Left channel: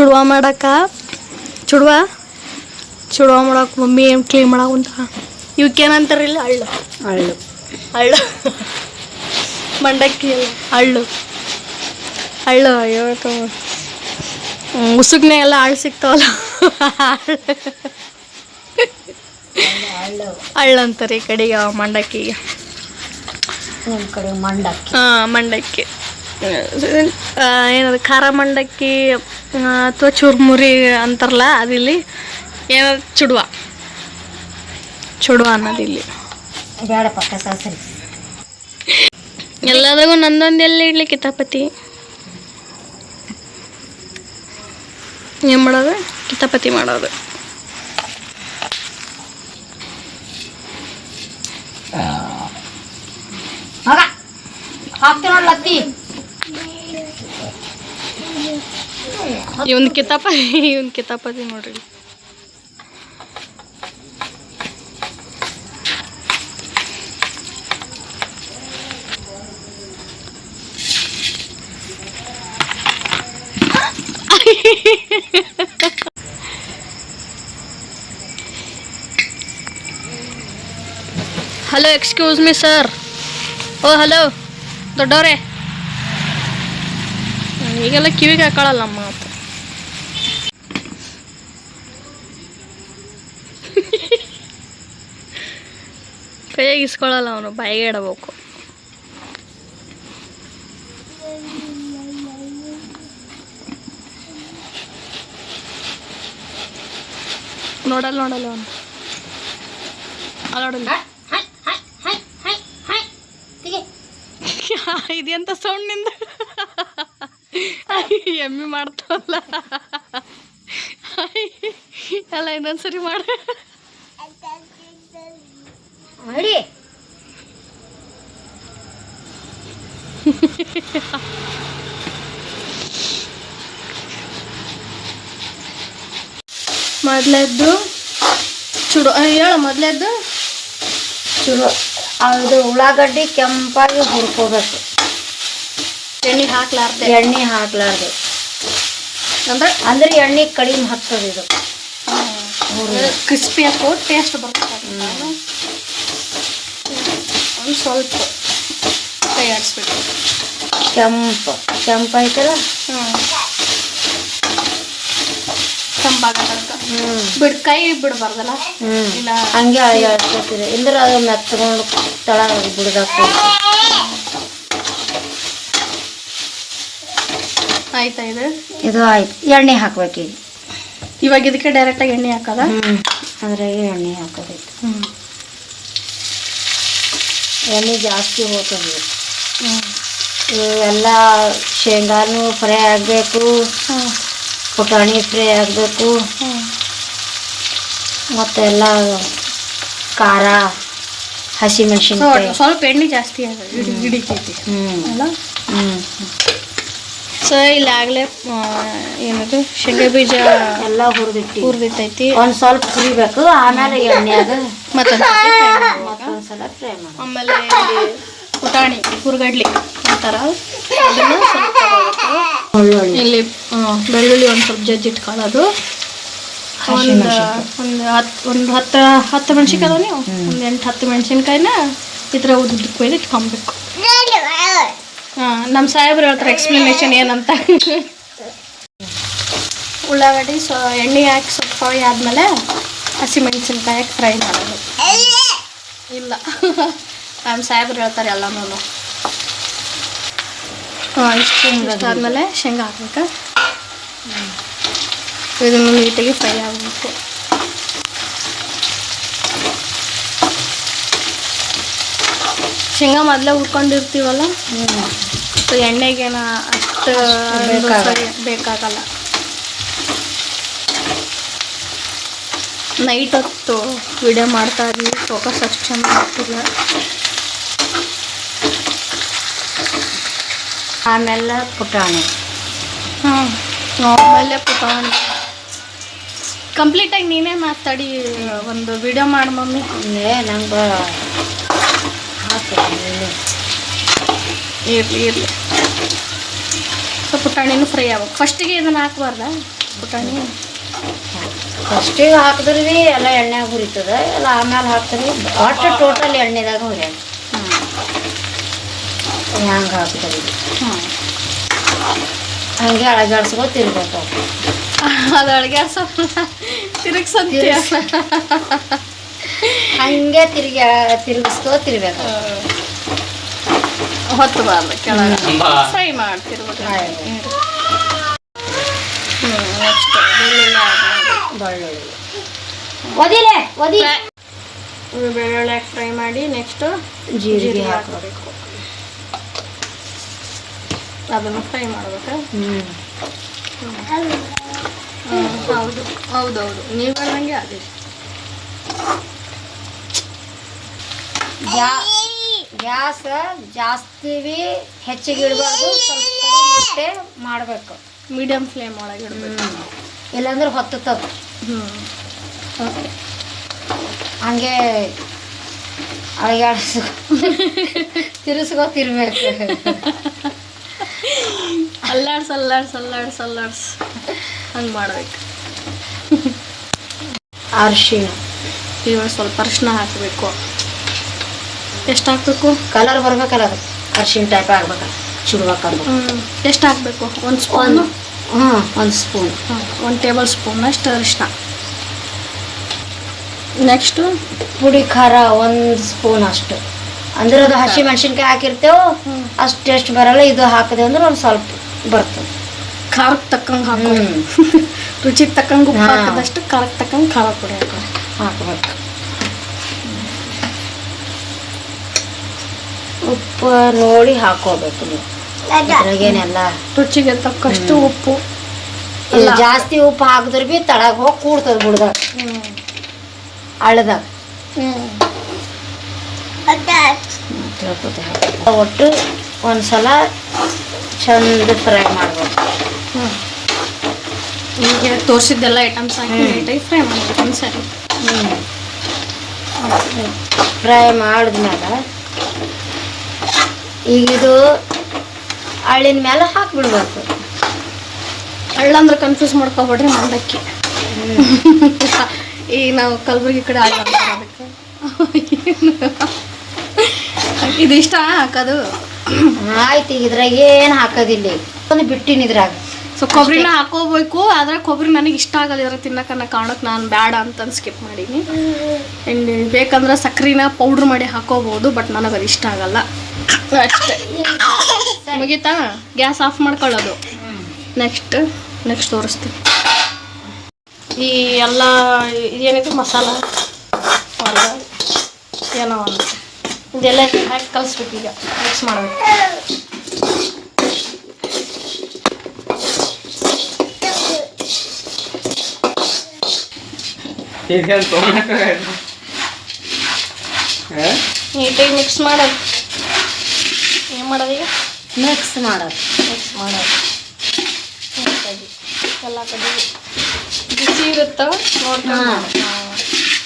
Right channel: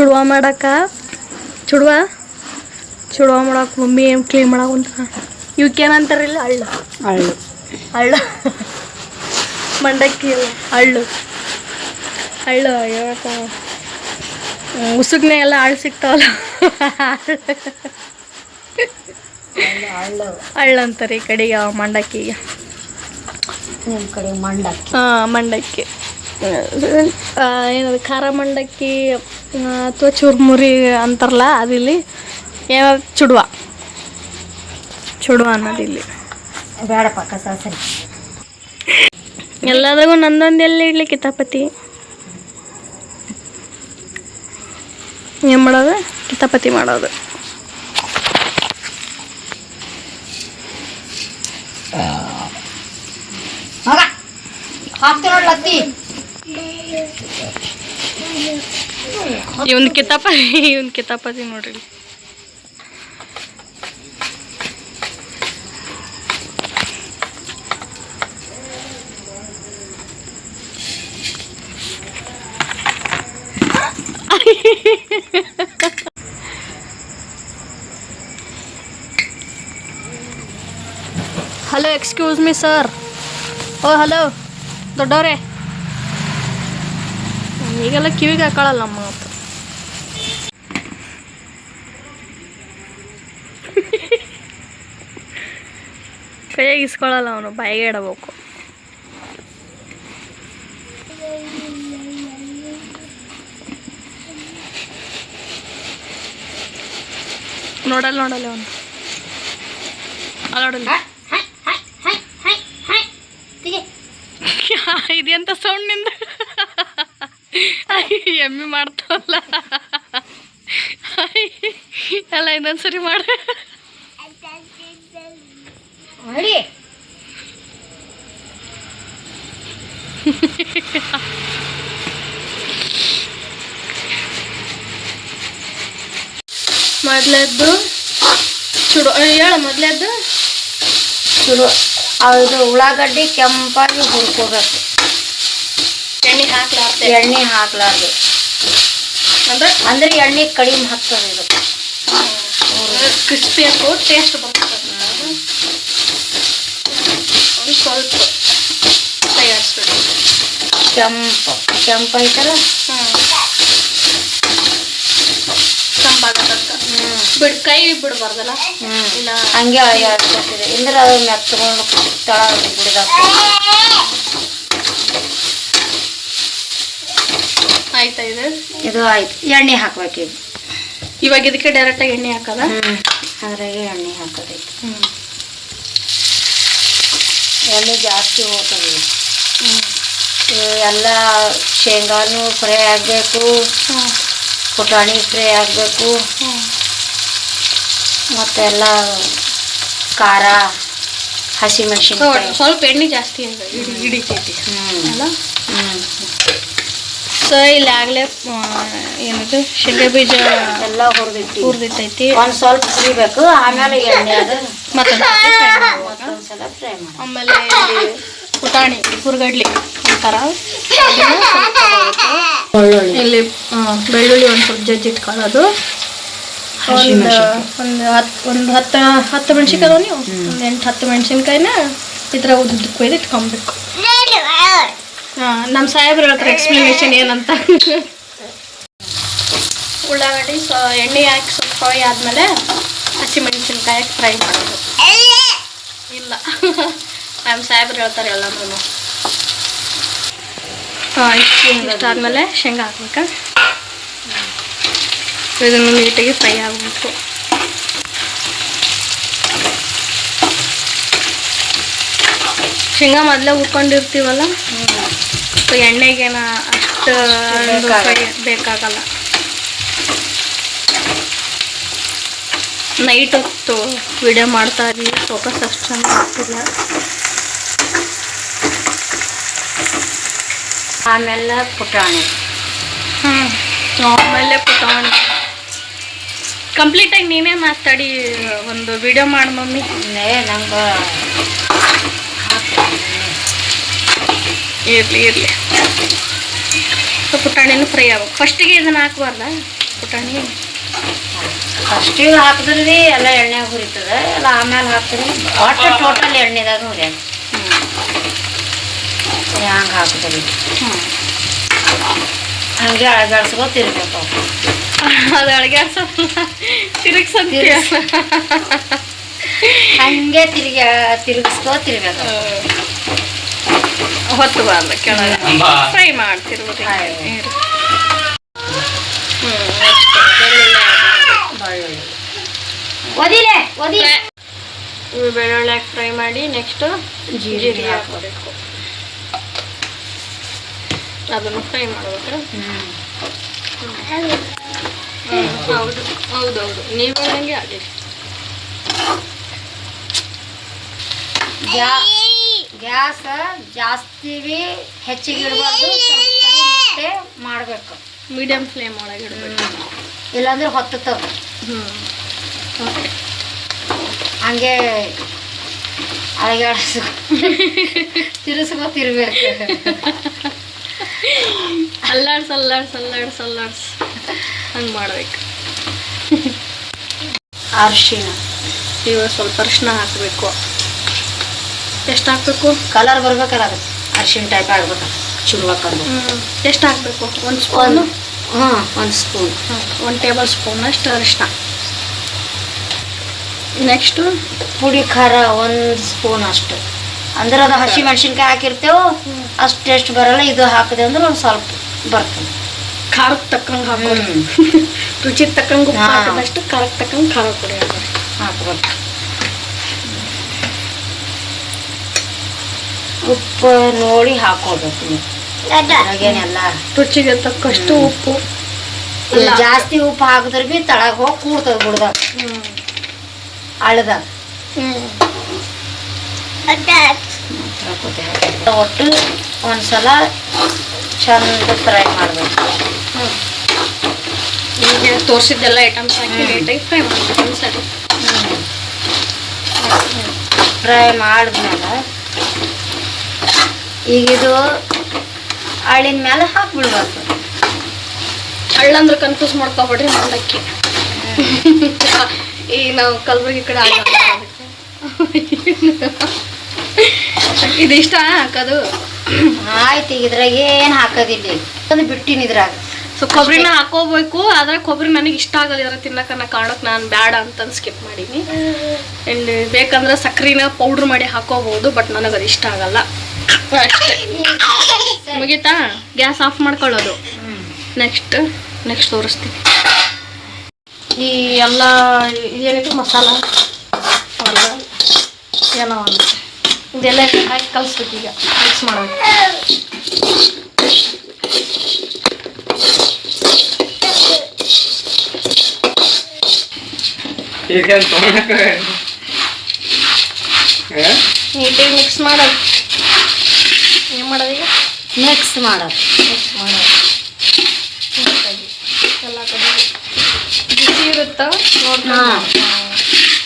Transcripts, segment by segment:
ಚುಡುವ ಮಾಡಕ್ಕೆ ಮಮ್ಮಿ ಏನು ಕ್ಲೀನ್ ಮಾಡಾಕುಂತ ಇವಕ್ಕೇನಂತಾರಿಲ್ಲ ಹಳ್ಳು ಹಳ್ಳು ಹಳ್ಳು ಮಂಡಕ್ಕಿ ಇಲ್ಲ ಹಳ್ಳು ಇವತ್ತು ಉಸುಗ್ನೆ ಎಲ್ಲ ಹಳ್ಳು ಸಿಗ್ತಾವಲ್ಲ ಹಳ್ಳು ಅಂತಾರೆ ಈ ಕಡೆಗೆ ಮಂಡಕ್ಕಿಗೆ ನಮ್ಮ ಕಡೆ ಮಂಡಕ್ಕಿ ಮಂಡಕ್ಕಿ ಏನದು ಖಾರ ಮಂಡಕ್ಕಿ ಅಥವಾ ಚುರ್ಮುರಿ ಅಂತಾರಲ್ಲ ಅದಿಲ್ಲಿ ಏನದು ಚುಡುವ ಅನ್ನೋದಿಲ್ಲಿ ಬೇಡ ಪಕ್ಕ ಸರಿ ಎಲ್ಲದಾಗೂ ನಂದೊಂದು ಎಲ್ಲಿ ಇಡ್ಲಿ ಕಿತಾಪತಿ ಏನು ಮಾಡೋದು ಕಿತಾಪತಿ ಮಾಡೋದು ಹಾಕ್ತಿ ನೋಡ್ಲತ್ತಿ ಇವನ್ ಕಿತಾಪತಿ ನೋಡ್ರಿ ಹಲೋ ಎಕ್ಸ್ಕ್ಯೂಸ್ ಮೀ ಸರ್ ಓ ಹಲೋ ದೊಡ್ಡವ್ರೆ ಈಗೆಲ್ಲ ಕಿವಿಗೆ ಹಾಕೊಳ್ಳಲ್ಲ ನಮ್ಮ ಮಾತು ಕೈಯಾಗಿ ಇಸ್ಕೊಳ್ಳಲ್ಲ ಅವನು ಬಾಯಿಗೆ ಇಡಬೇಕು ನೋಡಲ್ಲ ಅವನು ಅಲ್ಲೋಡಲ್ಲ ಇದೆಂತ ಸೌಂಡ್ ನಿಂದ ಎಮ್ಮಿ ಮಾಡ್ತಾವಲ್ಲ ಎಲ್ಲ ಇನ್ನೊಂದ್ಸರಿ ಮಾಡ ಮೊದಲದ್ದು ಚುಡು ಹೇಳ ಮೊದಲದ್ದು ಚುಡು ಅದು ಉಳ್ಳಾಗಡ್ಡಿ ಕೆಂಪಾಗಿ ಹುರ್ಕೋಬೇಕು ಎಣ್ಣೆ ಹಾಕ್ಲಾರ್ದು ಅಂದ್ರೆ ಎಣ್ಣೆ ಕಡಿಮೆ ಹತ್ತದ ಇದು ಕ್ರಿಸ್ಪಿ ಹಾಕೋ ಟೇಸ್ಟ್ ಬರ್ತದೆ ಒಂದು ಸ್ವಲ್ಪ ತಯಾರಿಸ್ಬೇಕು ಕೆಂಪು ಐತಲ್ಲ ಕೆಂಪಾಗತ್ತ ಕೈ ಬಿಡಬಾರ್ದಲ್ಲ ಇಲ್ಲ ಹಂಗೆ ಅಳಿಯಾಡ್ತಿದೆ ಅಂದ್ರೆ ಅದು ಮೆತ್ತಗೊಂಡು ಬಿಡಬೇಕು ಆಯ್ತಾ ಇದು ಆಯ್ತು ಎಣ್ಣೆ ಹಾಕ್ಬೇಕು ಇವಾಗ ಇದಕ್ಕೆ ಡೈರೆಕ್ಟಾಗಿ ಎಣ್ಣೆ ಹಾಕದ ಅದ್ರಾಗೆ ಎಣ್ಣೆ ಹಾಕೋದೈತೆ ಎಣ್ಣೆ ಜಾಸ್ತಿ ಹೋಗ್ತದೆ ಎಲ್ಲ ಶೇಂಗಾನು ಫ್ರೈ ಆಗಬೇಕು ಪುಟಾಣಿ ಫ್ರೈ ಆಗಬೇಕು ಮತ್ತೆಲ್ಲ ಖಾರ ಹಸಿಮೆಣಸಿನ್ಕಾಯಿ ಸ್ವಲ್ಪ ಎಣ್ಣೆ ಜಾಸ್ತಿ ಹಿಡಿತೈತಿ ಅಲ್ಲ ಸೊ ಇಲ್ಲಿ ಆಗಲೇ ಏನದು ಶೇಂಗಾ ಬೀಜ ಎಲ್ಲ ಹುರಿದಿಟ್ಟೈತಿ ಒಂದು ಸ್ವಲ್ಪ ಹುರಿಬೇಕು ಆಮೇಲೆ ಎಣ್ಣೆ ಅದು ಮತ್ತೊಂದ್ಸಲ ಫ್ರೈ ಮಾಡಿ ಆಮೇಲೆ ಇಲ್ಲಿ ಪುಟಾಣಿ ಹುರ್ಗಡ್ಲಿ ಅಂತಾರ ಇಲ್ಲಿ ಬೆಳ್ಳುಳ್ಳಿ ಒಂದು ಸ್ವಲ್ಪ ಜಜ್ಜಿಟ್ಕೊಳ್ಳೋದು ಒಂದು ಹತ್ತು ಮೆಣಸಿನ್ಕಾಯಿ ಅದಾವ ನೀವು ಒಂದು 8-10 ಮೆಣಸಿನ್ಕಾಯಿನ ಈ ಥರ ಉದ್ದಕ್ಕೆ ಕೊಯ್ದು ಇಟ್ಕೊಬೇಕು ನಮ್ಮ ಸಾಹೇಬ್ರು ಹೇಳ್ತಾರೆ ಎಕ್ಸ್ಪ್ಲನೇಷನ್ ಏನಂತ ಉಳ್ಳಾಗಡ್ಡಿ ಎಣ್ಣೆ ಹಾಕಿ ಸ್ವಲ್ಪ ಫ್ರೈ ಆದಮೇಲೆ ಹಸಿಮೆಣಸಿನ್ಕಾಯಿ ಫ್ರೈ ಮಾಡೋದು ಇಲ್ಲ ನಮ್ಮ ಸಾಹೇಬ್ರು ಹೇಳ್ತಾರೆ ಎಲ್ಲನೂ ಇಷ್ಟಾದ್ಮೇಲೆ ಶೇಂಗಾ ಹಾಕ್ಬೇಕಾ ಇದನ್ನು ನೀಟಾಗಿ ಫ್ರೈ ಆಗಬೇಕು ಶೇಂಗಾ ಮೊದಲೇ ಹುರ್ಕೊಂಡಿರ್ತೀವಲ್ಲ ಎಣ್ಣೆಗೇನ ಅಷ್ಟು ಫ್ರೈ ಬೇಕಾಗಲ್ಲ ನೈಟ್ ಹೊತ್ತು ವಿಡಿಯೋ ಮಾಡ್ತಾ ಇದ್ವಿ ಫೋಕಸ್ ಅಷ್ಟು ಚೆನ್ನಾಗಿ ಆಗ್ತಿಲ್ಲ ಆಮೇಲೆ ಪುಟಾಣಿ ಆಮೇಲೆ ಪುಟಾಣಿ ಕಂಪ್ಲೀಟಾಗಿ ನೀನೇ ಮಾತಾಡಿ ಒಂದು ವಿಡಿಯೋ ಮಾಡಿ ಮಮ್ಮಿ ನಂಗೆ ಇರಲಿ ಪುಟಾಣಿನೂ ಫ್ರೈ ಆಗ್ಬೇಕು ಫಸ್ಟಿಗೆ ಇದನ್ನು ಹಾಕ್ಬಾರ್ದ ಪುಟಾಣಿ. ಫಸ್ಟಿಗೆ ಹಾಕಿದ್ರೆ ರೀ ಎಲ್ಲ ಎಣ್ಣೆ ಹುರಿತದೆ, ಎಲ್ಲ ಆಮೇಲೆ ಹಾಕಿದ್ರೆ ಒಟ್ಟು ಟೋಟಲ್ ಎಣ್ಣೆದಾಗ ಹುರಿಯಾಗ ಹಂಗೆ ಹಾಕ್ತೀವಿ. ಹಂಗೆ ಅಳಗಾಡ್ಸ್ಕೊತಿರ್ಬೇಕು. ಅದು ಅಡ್ಗಾಡ್ಸೋದು ತಿರುಗ್ಸಂತೀಯ. ಹಂಗೆ ತಿರುಗಿಸ್ಕೊತಿರ್ಬೇಕು. ಹೊತ್ತು ಬಾರ್ದು ಕೆಳಗೆ ಫ್ರೈ ಮಾಡ್ತಿರ್ಬೋದು. ನೆಕ್ಸ್ಟ್ ಬೆಳ್ಳುಳ್ಳಿ ಹಾಕಿ ಫ್ರೈ ಮಾಡಿ ನೆಕ್ಸ್ಟ್ ಜೀರಿಗೆ ಹಾಕಬೇಕು. ಅದನ್ನು ಫ್ರೈ ಮಾಡ್ಬೇಕು. ಹೌದು ಹೌದೌದು, ನೀವು ಹೇಳ್ದಂಗೆ ಆಗಲಿ. ಗ್ಯಾಸ್ ಜಾಸ್ತಿ ಹೆಚ್ಚಿಗೆ ಇಡಬಾರ್ದು, ಸ್ವಲ್ಪ ಕಡಿಮೆ ಮಾಡಬೇಕು. ಮೀಡಿಯಮ್ ಫ್ಲೇಮ್ ಒಳಗೆ ಇಡಬೇಕು, ಇಲ್ಲಾಂದ್ರೆ ಹೊತ್ತುತ್ತವೆ. ಓಕೆ. ಹಂಗೆ ಅಳಗಾಡಿಸು ತಿರ್ಸ್ಕೊತಿರ್ಬೇಕು. ಅಲ್ಲಾಡ್ಸ್ ಹಂಗೆ ಮಾಡ್ಬೇಕು. ಅರಿಶಿಣ ಇವಾಗ ಸ್ವಲ್ಪ ಅರಿಶಿನ ಹಾಕಬೇಕು. ಎಷ್ಟು ಹಾಕಬೇಕು? ಕಲರ್ ಬರ್ಬೇಕಲ್ಲ, ಅರಿಶಿಣ ಟೈಪ್ ಆಗ್ಬೇಕು, ಚುರುವಾಕರ್ಬೇಕು. ಎಷ್ಟು ಹಾಕಬೇಕು? 1 ಸ್ಪೂನು. 1 ಸ್ಪೂನ್, 1 ಟೇಬಲ್ ಸ್ಪೂನ್ ಅಷ್ಟು ಅರಿಶಿನ. ನೆಕ್ಸ್ಟು ಪುಡಿ ಖಾರ 1 ಸ್ಪೂನ್ ಅಷ್ಟು. ಅಂದ್ರೆ ಅದು ಹಸಿ ಮೆಣಸಿನ್ಕಾಯಿ ಹಾಕಿರ್ತೇವೆ, ಅಷ್ಟು ಟೇಸ್ಟ್ ಬರಲ್ಲ. ಇದು ಹಾಕಿದೆ ಅಂದ್ರೆ ಒಂದು ಸ್ವಲ್ಪ ಬರ್ತದೆ. ಖಾರಕ್ಕೆ ತಕ್ಕಂಗೆ ಹಾಕೋರಿ. ರುಚಿ ತಕ್ಕಂಗೆ ಉಪ್ಪು ಹಾಕಿದಷ್ಟು ಖಾರಕ್ಕೆ ತಕ್ಕಂಗೆ ಖಾರ ಪುಡಿ ಹಾಕೋರಿ. ಉಪ್ಪು ನೋಡಿ ಹಾಕೋಬೇಕು. ಅದ್ರಾಗೇನೆಲ್ಲ ರುಚಿಗೆ ತಕ್ಕಷ್ಟು ಉಪ್ಪು. ಜಾಸ್ತಿ ಉಪ್ಪು ಹಾಕಿದ್ರೆ ಭೀ ತಳಗ ಹೋಗಿ ಕೂಡ್ತದೆ ಬಿಡ್ದಾಗ ಅಳದಾಗ. ಒಟ್ಟು ಒಂದ್ಸಲ ಚಂದ ಫ್ರೈ ಮಾಡ್ಬೇಕು. ಈಗ ತೋರಿಸಿದ್ದೆಲ್ಲ ಐಟಮ್ಸ್ ಹಾಕಿ ನೀಟಾಗಿ ಫ್ರೈ ಮಾಡ್ಬೇಕು ಒಂದ್ಸರಿ. ಫ್ರೈ ಮಾಡಿದ್ಮೇಲೆ ಈಗ ಇದು ಹಳ್ಳಿನ ಮೇಲೆ ಹಾಕ್ಬಿಡ್ಬೇಕು. ಹಳ್ಳಂದ್ರೆ ಕನ್ಫ್ಯೂಸ್ ಮಾಡ್ಕೊಬೇಡ್ರಿ, ಮಂಡಕ್ಕಿ. ಈಗ ನಾವು ಕಲಬುರ್ಗಿ ಕಡೆ ಹಳ್ಳ ಅದಕ್ಕೆ ಇದು ಇಷ್ಟ ಹಾಕೋದು. ಆಯ್ತು, ಇದ್ರಾಗ ಏನು ಹಾಕೋದಿಲ್ಲ. ಒಂದು ಬಿಟ್ಟಿನ ಇದ್ರಾಗ ಸೊ ಕೊಬ್ಬರಿನ ಹಾಕೋಬೇಕು. ಆದರೆ ಕೊಬ್ಬರಿ ನನಗೆ ಇಷ್ಟ ಆಗಲ್ಲ ಇದ್ರ ತಿನ್ನೋಕನ್ನ ಕಾರಣಕ್ಕೆ ನಾನು ಬೇಡ ಅಂತಂದು ಸ್ಕಿಪ್ ಮಾಡೀನಿ. ಆ್ಯಂಡ್ ಬೇಕಂದ್ರೆ ಸಕ್ಕರೆನ ಪೌಡ್ರ್ ಮಾಡಿ ಹಾಕೋಬೋದು, ಬಟ್ ನನಗೆ ಅದು ಇಷ್ಟ ಆಗಲ್ಲ ಅಷ್ಟೇ. ಮುಗೀತಾ? ಗ್ಯಾಸ್ ಆಫ್ ಮಾಡ್ಕೊಳ್ಳೋದು. ನೆಕ್ಸ್ಟ್ ತೋರಿಸ್ತೀನಿ. ಈ ಎಲ್ಲ ಏನಿದೆ ಮಸಾಲ ಅಲ್ಲ ಏನೋ ಅಂತ ಇದೆಲ್ಲ ಹಾಕಿ ಕಲಿಸ್ಬೇಕು. ಈಗ ಮಿಕ್ಸ್ ಮಾಡಬೇಕು. ನೀಟಾಗಿ ಮಿಕ್ಸ್ ಮಾಡೋದು. ಏನು ಮಾಡೋದು ಈಗ? ಮಿಕ್ಸ್ ಮಾಡೋದು. ನೀಟಾಗಿ ಎಲ್ಲ ಕಡೆ ಬಿಸಿ ಇರುತ್ತ ನೋಡ್ತಾ.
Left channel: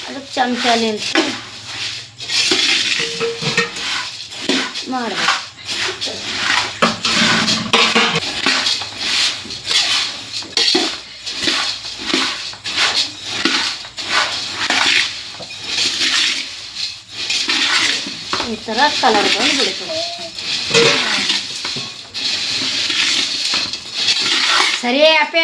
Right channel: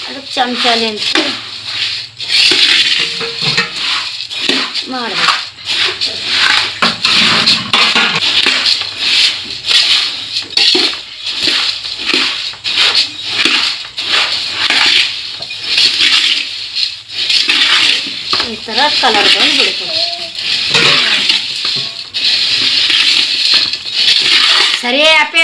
ಅದಕ್ಕೆ ಚಮಚಲಿ ಅಂತ ಮಾಡಬೇಕು. ಈ ಥರ ಕಲರ್ ಬಂದು ಬಿಡ್ತು. ಸರಿ ಅಪ್ಪ.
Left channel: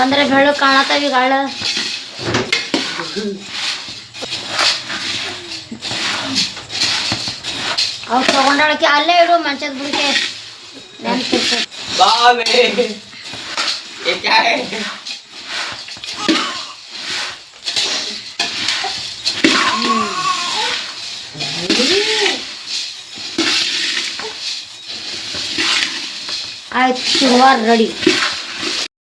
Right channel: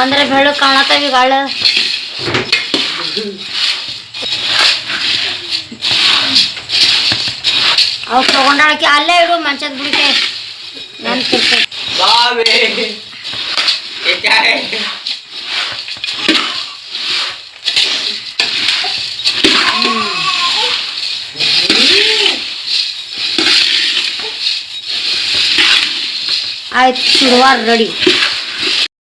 ಒಂದ್ರೆ ಬೆಳ್ಳು ಕಾಣತ್ತಾವ ಈಗ ಹಳ್ಳ. ಅವು ತಗೊಂಡಾಳಕ್ಕೆ ಅಲ್ಲೇ ಇಡು, ಮಂಚದ ಬಿಡಿಕೆ ನೆನ್ಪಿರ್ತದೆ. ಆಯ್ತು, ಶುರುವಾರ ರೆಡಿ.